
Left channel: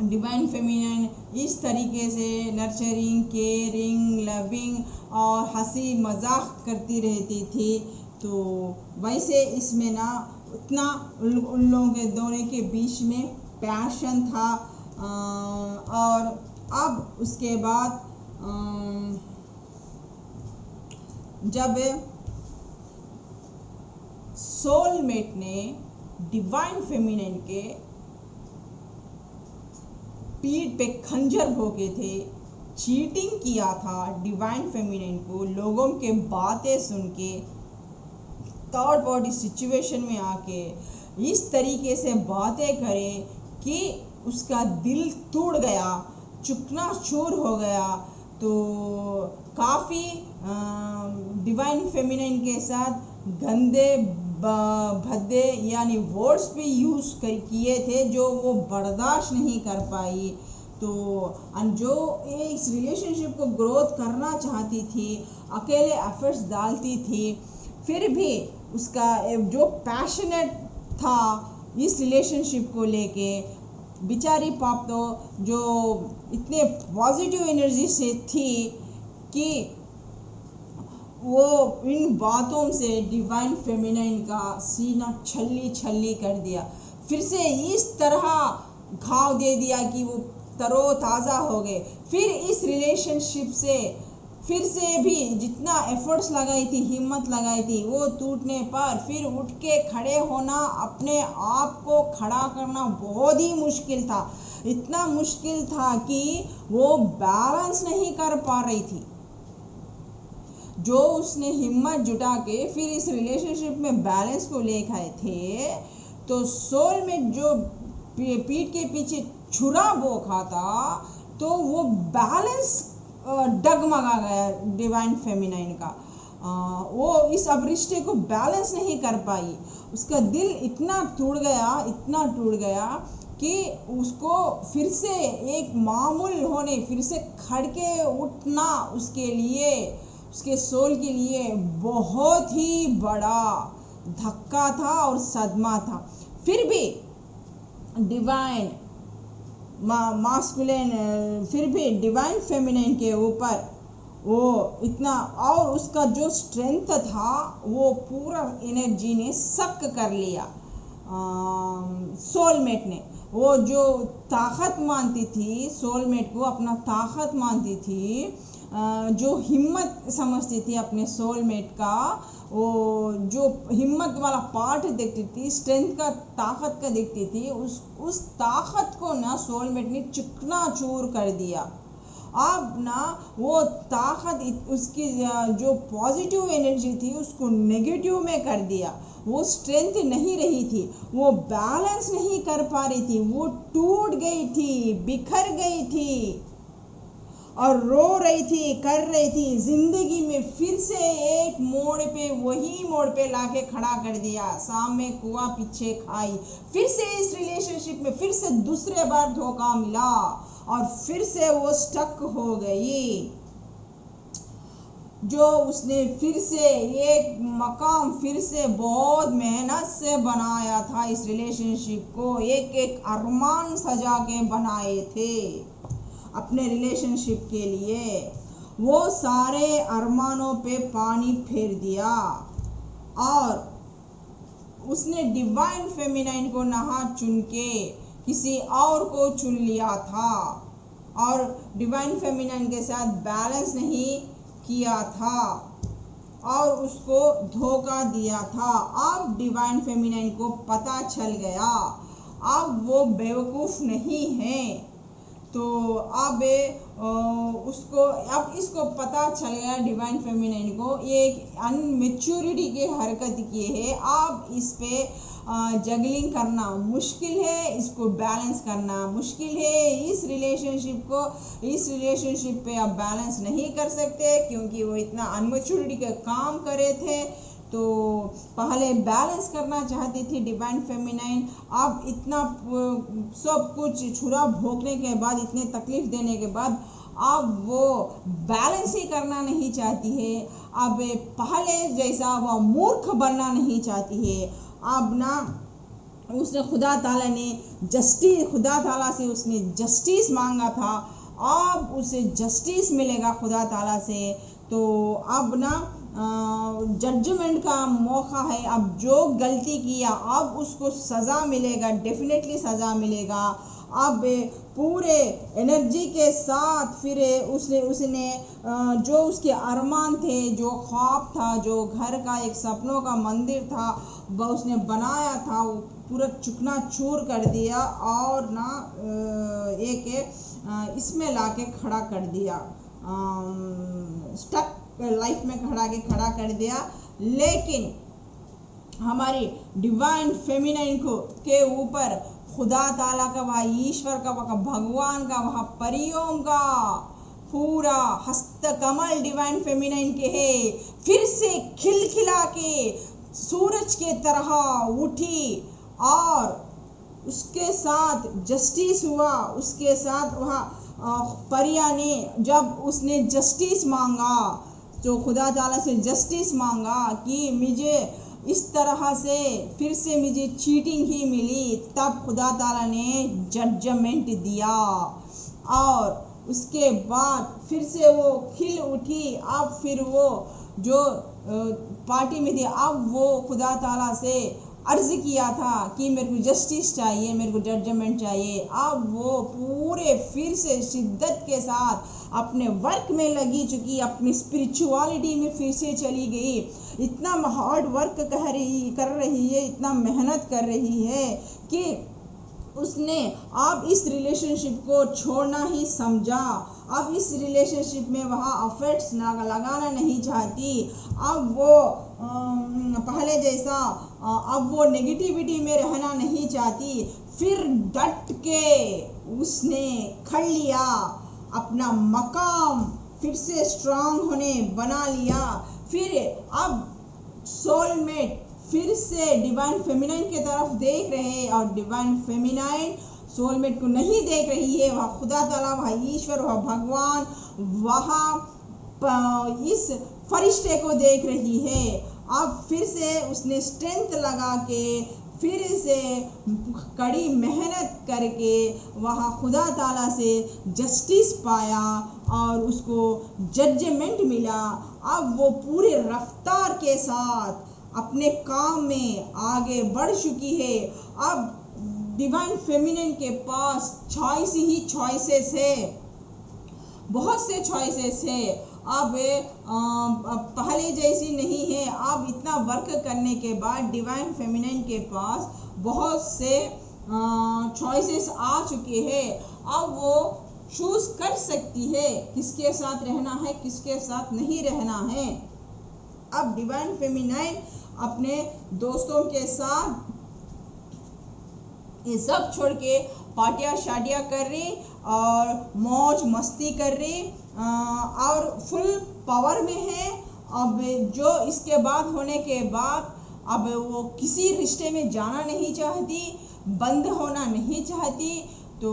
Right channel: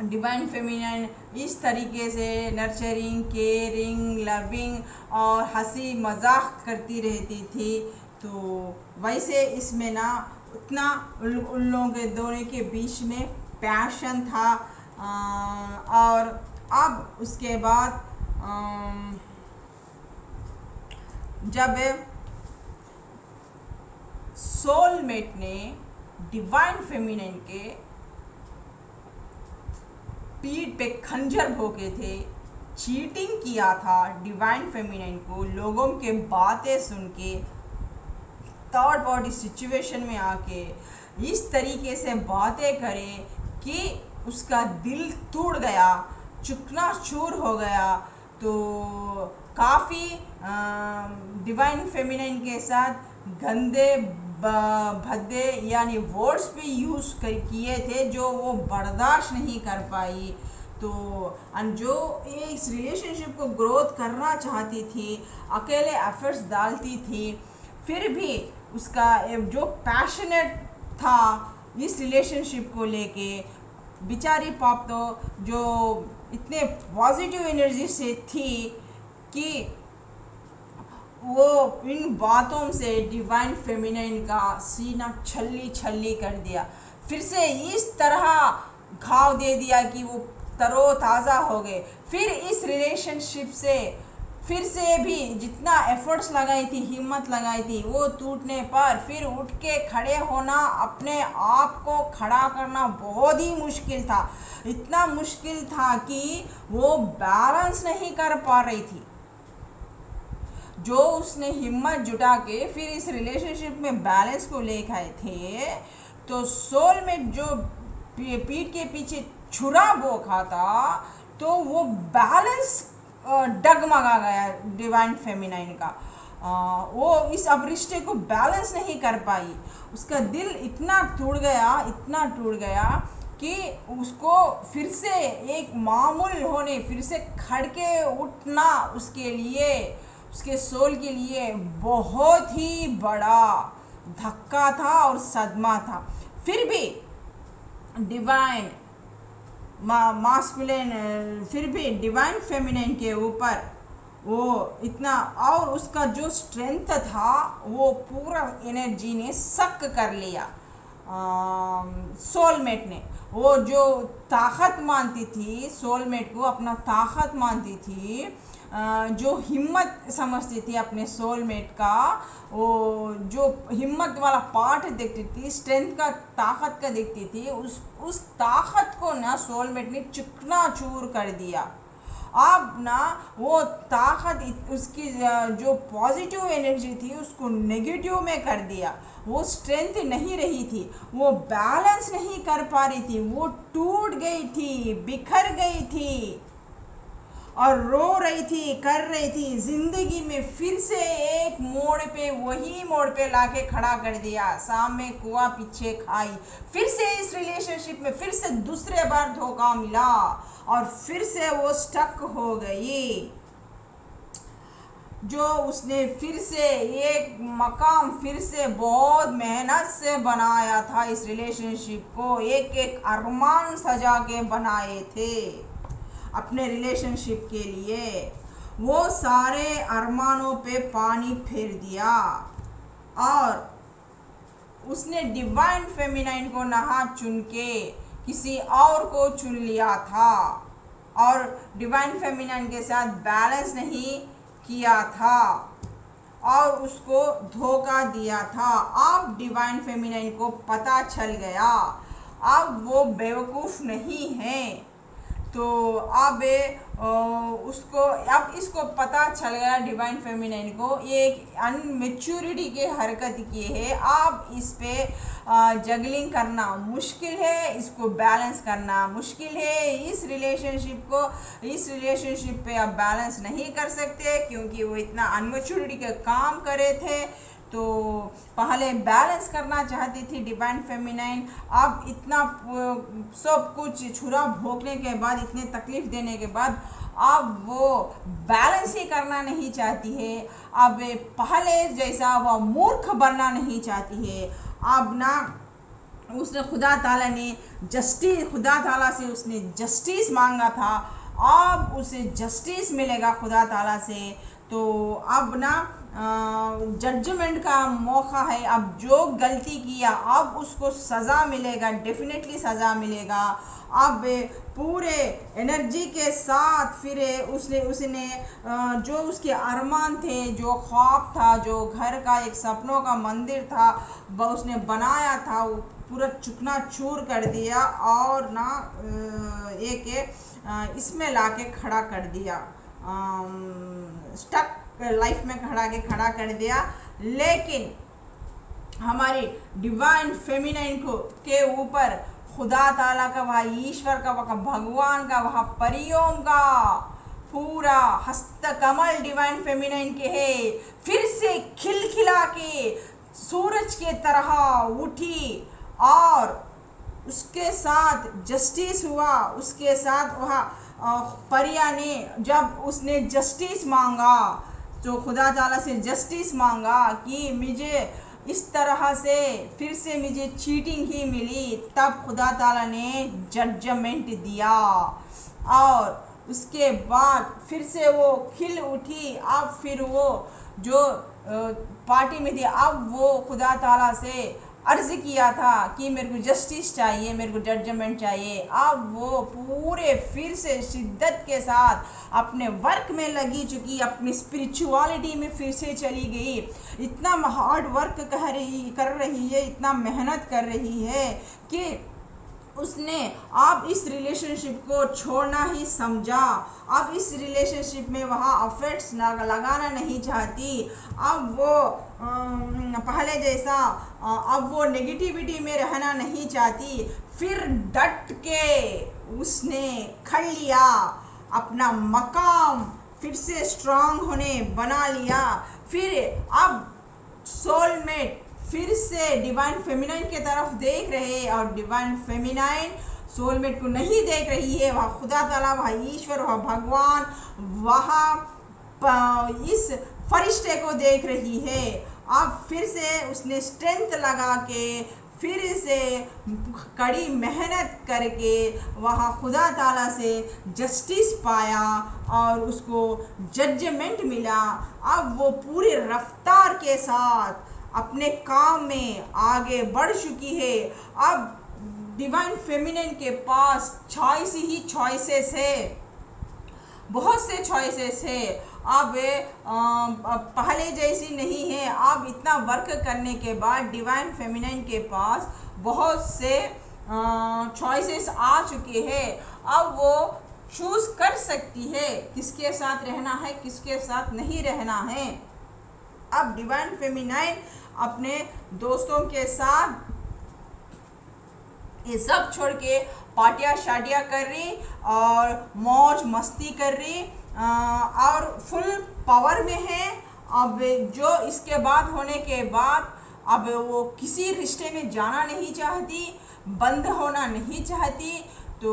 डिवाइन फेमिनाइन इस तरीके से नर्चरिंग, केयरिंग, लविंग और हंसी मजाक करती रहती थी। तो वैसे इसमें ना उतना उन लोगों के दोनों के बीच में पैशन था। और अब उसके बाद जब सोलमेट ने डिवाइन फेमिनाइन के पीठ पे खंजर भोंके थे, चीटिंग किया था डिवाइन फेमिनाइन को, लोगों के बातें सुन के, थर्ड पार्टी सिचुएशन में आके इस तरीके से बातें करे कि उसका दिल टूट गया, चूकना-चूर हो गया। तो काफ़ी डिवाइन फेमिनाइन के साथ गंदे भद्दे यानी वर्ड्स भी यूज़ किए थे जो वो बर्दाश्त नहीं कर पाई। तो जो इस रिलेशनशिप को ग्रोथ करना चाहती थी, अकेले एफर्ट्स डालती थी, फिर भी उसका जो पैशनेट था इस रिलेशनशिप को लेके, बेचारी पाप तो जो इतने पॉजिटिव एनर्जी से थी कि वो इन बातों से डिवाइन फेमिनाइन का सीना छल्ली छल्ली कर दिया। फिर से इस तरह घाव दे दिया कि वो तरोताज़ा हो गए। फिर इस रिलेशनशिप से फिर से भी जितना एफर्ट्स लगाई थी, हिम्मत लगाई थी, वो टूटने पर फिर उठ के खड़े होना, अपने आप को खड़ा करना बहुत ही मुश्किल था। इतना मुश्किल था कि वो बैलेंस नहीं कर पा रही थी। जो उसने हिम्मत जुटा के फिर इस रिलेशनशिप में बैलेंस को लेकर आए थे, तो सोलमेट जो पीठ के पीछे छुरा बोखा था, तो वो बैलेंस डगमगा गया डिवाइन फेमिनाइन का। वो इस अब रिश्ते को बैलेंस नहीं कर पाई। उसका दिल इतना टूट गया कि उसको फिर से एक मामूल होने, फिर से खड़के उठना उसके लिए, उसके सोल के लिए बहुत ही बड़ा धक्का था और सदमा था। फिर भी डिवाइन मास्कुलिन, फिर भी डिवाइन फेमिनाइन के ऊपर वो इतना, और उसका जो स्ट्रेंथ था वो पूरा एनर्जी ने सक कर लिया। सोलमेट ने, वो जो ताकत मानती थी, सोलमेट को अपना ताकत मानती थी, जो हिम्मत समझती थी अपने सोलमेट का, वो जो हिम्मत वाला पार्ट देखती थी, स्ट्रेंथ का, ताकत का देखती थी, उस ताकत को ना सोलमेट ने चकनाचूर कर दिया। अब ना वो ताकत, उसकी जो पॉजिटिव एनर्जी थी उसको नेगेटिव में कर दिया। वो स्ट्रेंथ नहीं रही थी, वो बैलेंस नहीं कर पा रही थी, वो टूट गई थी, बिखर गई थी। और रो रही थी, कर रही थी। जिंदगी में फिर से एक मोड़ पे, वही मोड़ पे लाके खड़ा कर दिया। सामने कुआं पीछे खाई। फिर से इस रिलेशनशिप में फिर से दूसरे बार धोखा मिला और फिर से वो स्टक हो गई। जो उसने फिर से एक मकाम फिर से बहुत मेहनत से बनाया था, इस रिलेशनशिप को एक एक अरमान सजा के बनाए थे अपने रिलेशनशिप के लिए, वो सारे अरमानों पे पानी फेर दिया और उसने डिवाइन फेमिनाइन को नहा चुन के किसी और को चुन लिया था और डिवाइन फेमिनाइन के साथ बैलेंस नहीं किया था और उसको धोखा दिया था। अब डिवाइन फेमिनाइन को पता चल गया, अब वो बेवकूफ़ नहीं है। तो अब इसको पता चल गया डिवाइन फेमिनाइन को, ये एक अनमेच्योरिटी की हरकत की है। अब इस पे जगलिंग करना मुश्किल है, इसको बैलेंस करना मुश्किल है। इस रिलेशनशिप पे आप बैलेंस नहीं कर सकते क्योंकि वो इतना अनमेच्योरिटी का काम करे थे। तो पहले बैलेंस करना चाहती थी डिवाइन फेमिनाइन, अब इतना सब कुछ छुरा भोंकने के बाद, इतने तकलीफ देने के बाद अब वो बैलेंस ही करना नहीं चाहती है। अब पहले जैसा वो मूर्ख बनना नहीं चाहती है। अब ना उसने खुदा ताला से उसने जस्टिस मांगा था, अब उसे जस्टिस मिलेगा खुदा ताला से। तो अब ना जजमेंट का मौका है। अब जो गलती किया अब उसको सज़ा मिलेगा, डेफिनेटली सज़ा मिलेगा। अब पूरे एनर्जी के साथ फिर उसने जो उसके अरमान थे, जो ख्वाब था, जो घर का एक सपनों का मंदिर था वो उसने बनाया था, वो पूरा चुकना चूर कर दिया और ना इसमें लाके खड़ा कर दिया, स्टक लाइफ में खड़ा कर दिया। लेकिन हमारी डिवाइन फेमिनाइन के ऊपर खुदा ताला का, वह ईश्वर का, वह भगवान का, वह परियों का पूरा हस्तकमल डिवाइन फेमिनाइन के है। फिर से खिलखिला के सूरज के तरह उठी और उसके साथ जस्टिस हुआ। उसके साथ वह परिया ने जब उसने जस्टिस मांगा, तो खुदा ताला से जस्टिस मांगा कि मुझे इस तरह से फिर से मुझे चीटिंग ही मिली, तब खुदा ताला ने जजमेंट दिया और उसके बाद फिर से वो खिल उठी। अब फिर वो जो पार्टी में थी, अब वो खुदा ताला से अर्ज़ किया था कि मेरे को जस्टिस चाहिए, मेरे को जजमेंट चाहिए। अब वो पूरे फिर से शिद्दत के साथ अपने वर्क में लगी चुकी, अपनी स्पिरिचुअलिटी में फिर से चली गई। इतना हार्ड वर्क कर रही है, इतना मेहनत कर रही है कि उसने अब इस रिलेशनशिप को छोड़ना ही समझा। अब इस रिलेशनशिप में वहाँ अफेक्ट्स लगाना नहीं चाहती। अब वो पहले जैसा अब वो नेगेटिविटी में रहना नहीं चाहती। फिर डट के उसने खड़ लिया, अपना मकाम फिर से स्ट्रांग होने बना लिया। फिर अब सोलमेट फिर से डिवाइन फेमिनाइन की तरफ देख रहे और डिवाइन फेमिनाइन सोलमेट को नहीं देख रही है। वह खुदा ताला, वह ईश्वर, वह भगवान, वह इस फरिश्ते को देख रही है। अब फिर से उसने स्ट्रेंथ लगा के फिर से कड़ी मेहनत करके वहाँ खुदा ताला से जस्टिस पाया और उसको जजमेंट मिला। अब वो पूरी रफ्तार के साथ अपने काम में आगे बढ़ चुकी है। अब डिवाइन फेमिनिन के पास चॉइसेस है, बहुत से चॉइसेस है। अब पहले जैसी नहीं है। अब इतना वर्क करने के बाद डिवाइन फेमिनिन के पास बहुत से चॉइसेस आ चुके हैं। अब वो चूज कर सकती है किसके साथ रहना है, किसके साथ नहीं रहना है। अब डिवाइन फेमिनिन अपने दोस्तों के साथ ये सब छोड़ के पार्टियाँ शादियाँ कर रही और मौज मस्ती कर रही, और फुल पावर में है। अब जो इसके बाद होने के बाद अब वो किसी रिश्ते में जाना नहीं चाहती, बंद होना नहीं चाहती। तो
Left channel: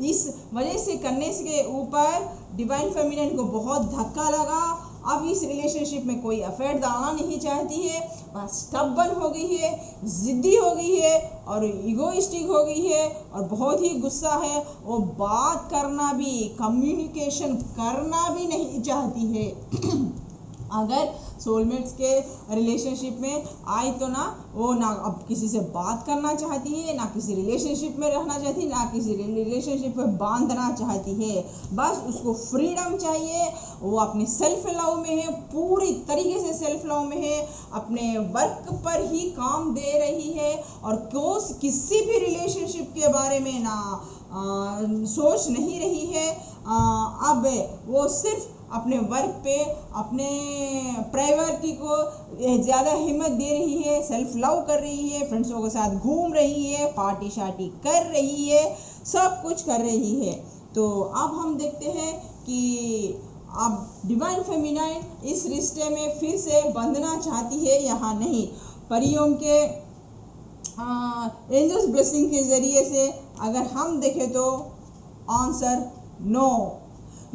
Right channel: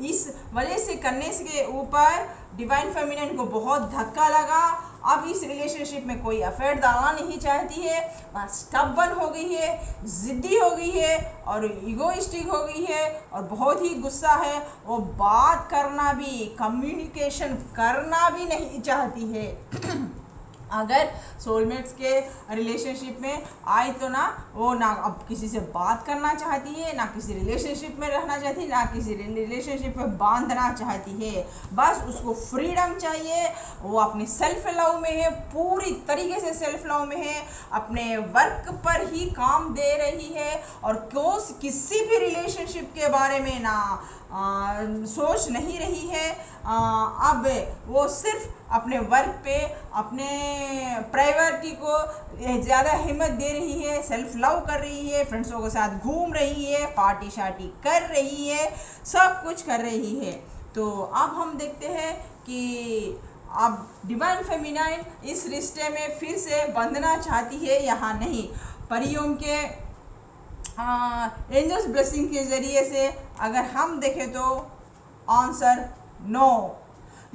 इस वजह से करने के ऊपर डिवाइन फेमिनिन को बहुत धक्का लगा। अब इस रिलेशनशिप में कोई अफेयर डालना नहीं चाहती है, वह स्टबर्न हो गई है, ज़िद्दी हो गई है और इगोइस्टिक हो गई है और बहुत ही गुस्सा है। वो बात करना भी, कम्युनिकेशन करना भी नहीं चाहती है। अगर सोलमेट्स के रिलेशनशिप में आए तो ना वो ना अब किसी से बात करना चाहती है, ना किसी रिलेशनशिप में रहना चाहती है, ना किसी रिलेशनशिप में बांधना चाहती है। बस उसको फ्रीडम चाहिए। वो अपने सेल्फ लव में है, पूरी तरीके से सेल्फ लव में है, अपने वर्क पर ही काम दे रही है और किसी भी रिलेशनशिप के बारे में ना सोच नहीं रही है। अब वो सिर्फ अपने वर्क पे, अपने प्रायोरिटी को ज़्यादा हिम्मत दे रही है, सेल्फ लव कर रही है, फ्रेंड्सों के साथ घूम रही है, पार्टी शार्टी कर रही है, सब कुछ कर रही है। तो अब हम देखते हैं कि अब डिवाइन फेमिनाइन इस रिश्ते में फिर से बंधना चाहती है, यहाँ नहीं। परियों के एंजल्स ब्लेसिंग के ज़रिए से अगर हम देखें तो आंसर नो।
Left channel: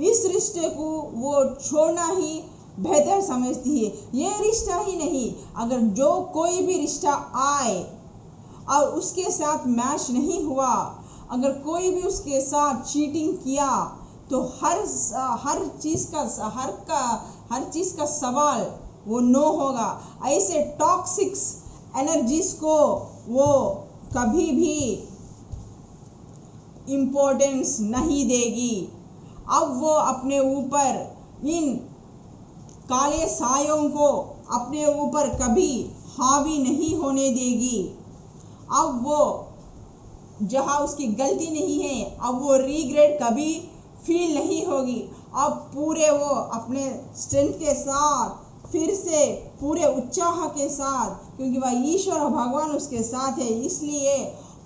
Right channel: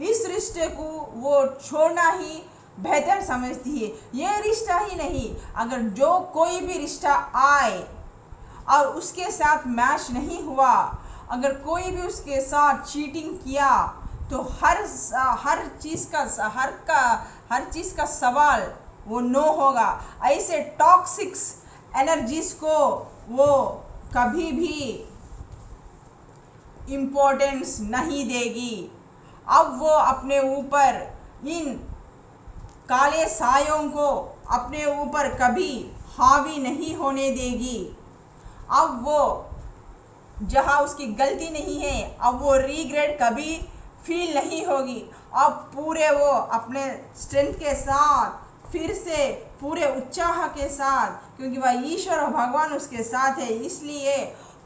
इस रिश्ते को वो छोड़ना ही बेहतर समझती है। ये रिश्ता ही नहीं, अगर जो कोई भी रिश्ता आए और उसके साथ मैच नहीं हुआ, अगर कोई भी उसके साथ चीटिंग किया, तो हर चीज़ का सवाल वो नो होगा। ऐसे टॉक्सिक्स एनर्जीज को वो कभी भी इम्पोर्टेंस नहीं देगी। अब वो अपने ऊपर इन काले सायों को अपने ऊपर कभी हावी नहीं होने देगी। अब वो जहाँ उसकी गलती नहीं है, अब वो रिग्रेट कभी फील नहीं होगी। अब पूरे वो अपने स्ट्रेंथ के साथ फिर से पूरे उत्साह के साथ, क्योंकि वह ईश्वर और भगवान उसके साथ है, इसलिए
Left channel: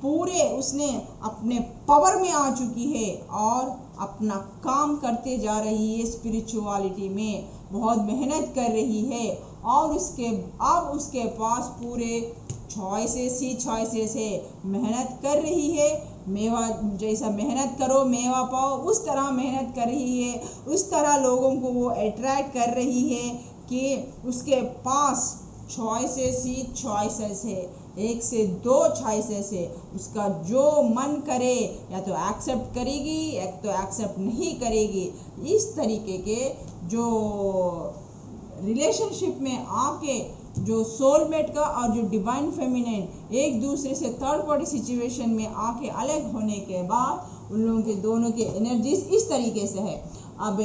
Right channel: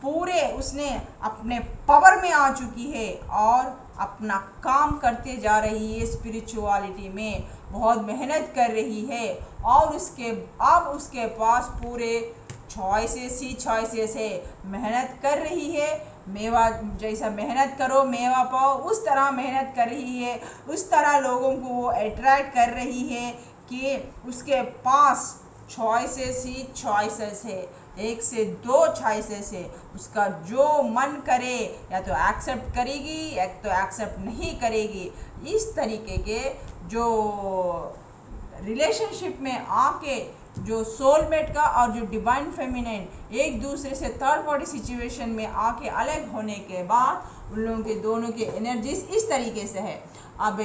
पूरे उसने अपने पावर में आ चुकी है और अपना काम करते जा रही है। स्पिरिचुअलिटी में बहुत मेहनत कर रही है और अब उसके पास पूरे चॉइसेस है। मेहनत कर रही है, मेवा जैसा मेहनत करो मेवा पाओ, उस तरह मेहनत कर रही है। उस तरह लोगों को वो अट्रैक्ट कर रही है कि उसके पास चॉइसेस है, 1 से 2 चॉइसेस है। उसका जो मन करे या तो एक्सेप्ट करेगी या तो एक्सेप्ट नहीं करेगी। इस तरीके के जो रिलेशनशिप में आके जो सोलमेट का और जो डिवाइन फेमिनिन एक दूसरे से थर्ड पार्टी सिचुएशन में आके अलग होने के बाद उन लोगों के दोनों के एनर्जीज इस तरीके से है। अब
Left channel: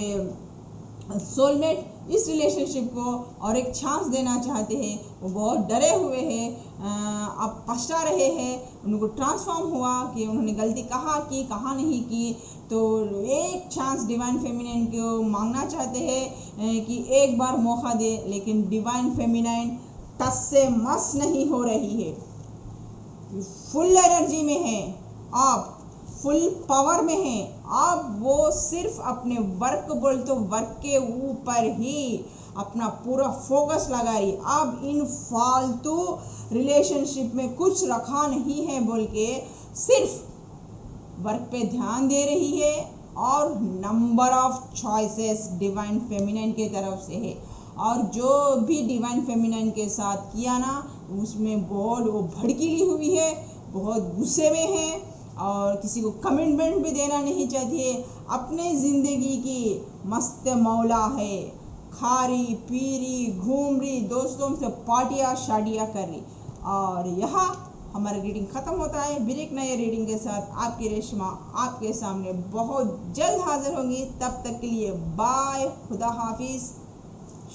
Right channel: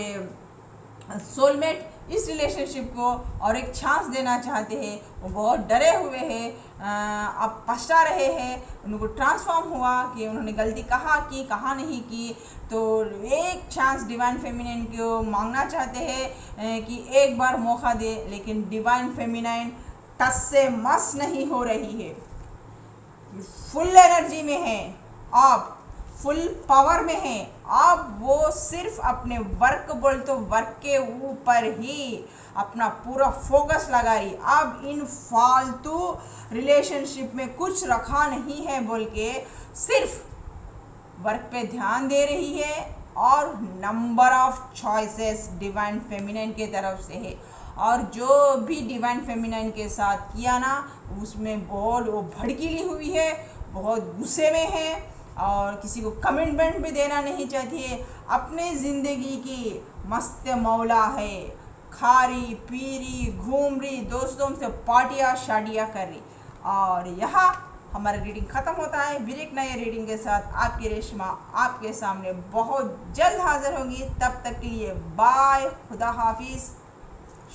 सोलमेट इस रिलेशनशिप को और एक चांस देना चाहते हैं। वो बहुत डरे हुए हैं, अब पछता रहे हैं, उनको ट्रांसफॉर्म हुआ कि उन्होंने गलती कहाँ की कहाँ नहीं की। तो एक चांस डिवाइन फेमिनिन को मांगना चाहते हैं कि एक बार मौका दे, लेकिन डिवाइन फेमिनिन टस से मस नहीं हो रही है, फुल एनर्जी में है, आप फुल पावर में है। अब वो सिर्फ अपने वर्क बोल तो वर्क के ऊपर ही अपना पूरा फोकस लगा रही। अब इन फालतू रिलेशनशिप में कुछ रखा नहीं है बोल के सिर्फ वर्क पे ध्यान दे रही है और number of choices divine feminine के तरफ से है। और जो भी डिवाइन फेमिनिन के साथ किया ना, उसमें बहुत वो भड़कीली हुई है, बहुत गुस्से में है और किसी को कमिटमेंट भी देना नहीं चाहती है। अपने ज़िंदगी की मस्त मौला है, खा रही पी रही घूम रही, दोस्तों से पार्टियाँ शादियाँ कर रही। और यहाँ हमारा रीडिंग ख़त्म होता है। फिर एक नए रीडिंग के साथ आपकी रेशमा आपके सामने बहुत जल्द हाजिर होंगी। तब तक के लिए बाय, खुदा हाफिज़,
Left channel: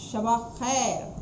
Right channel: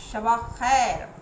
शबा खैर।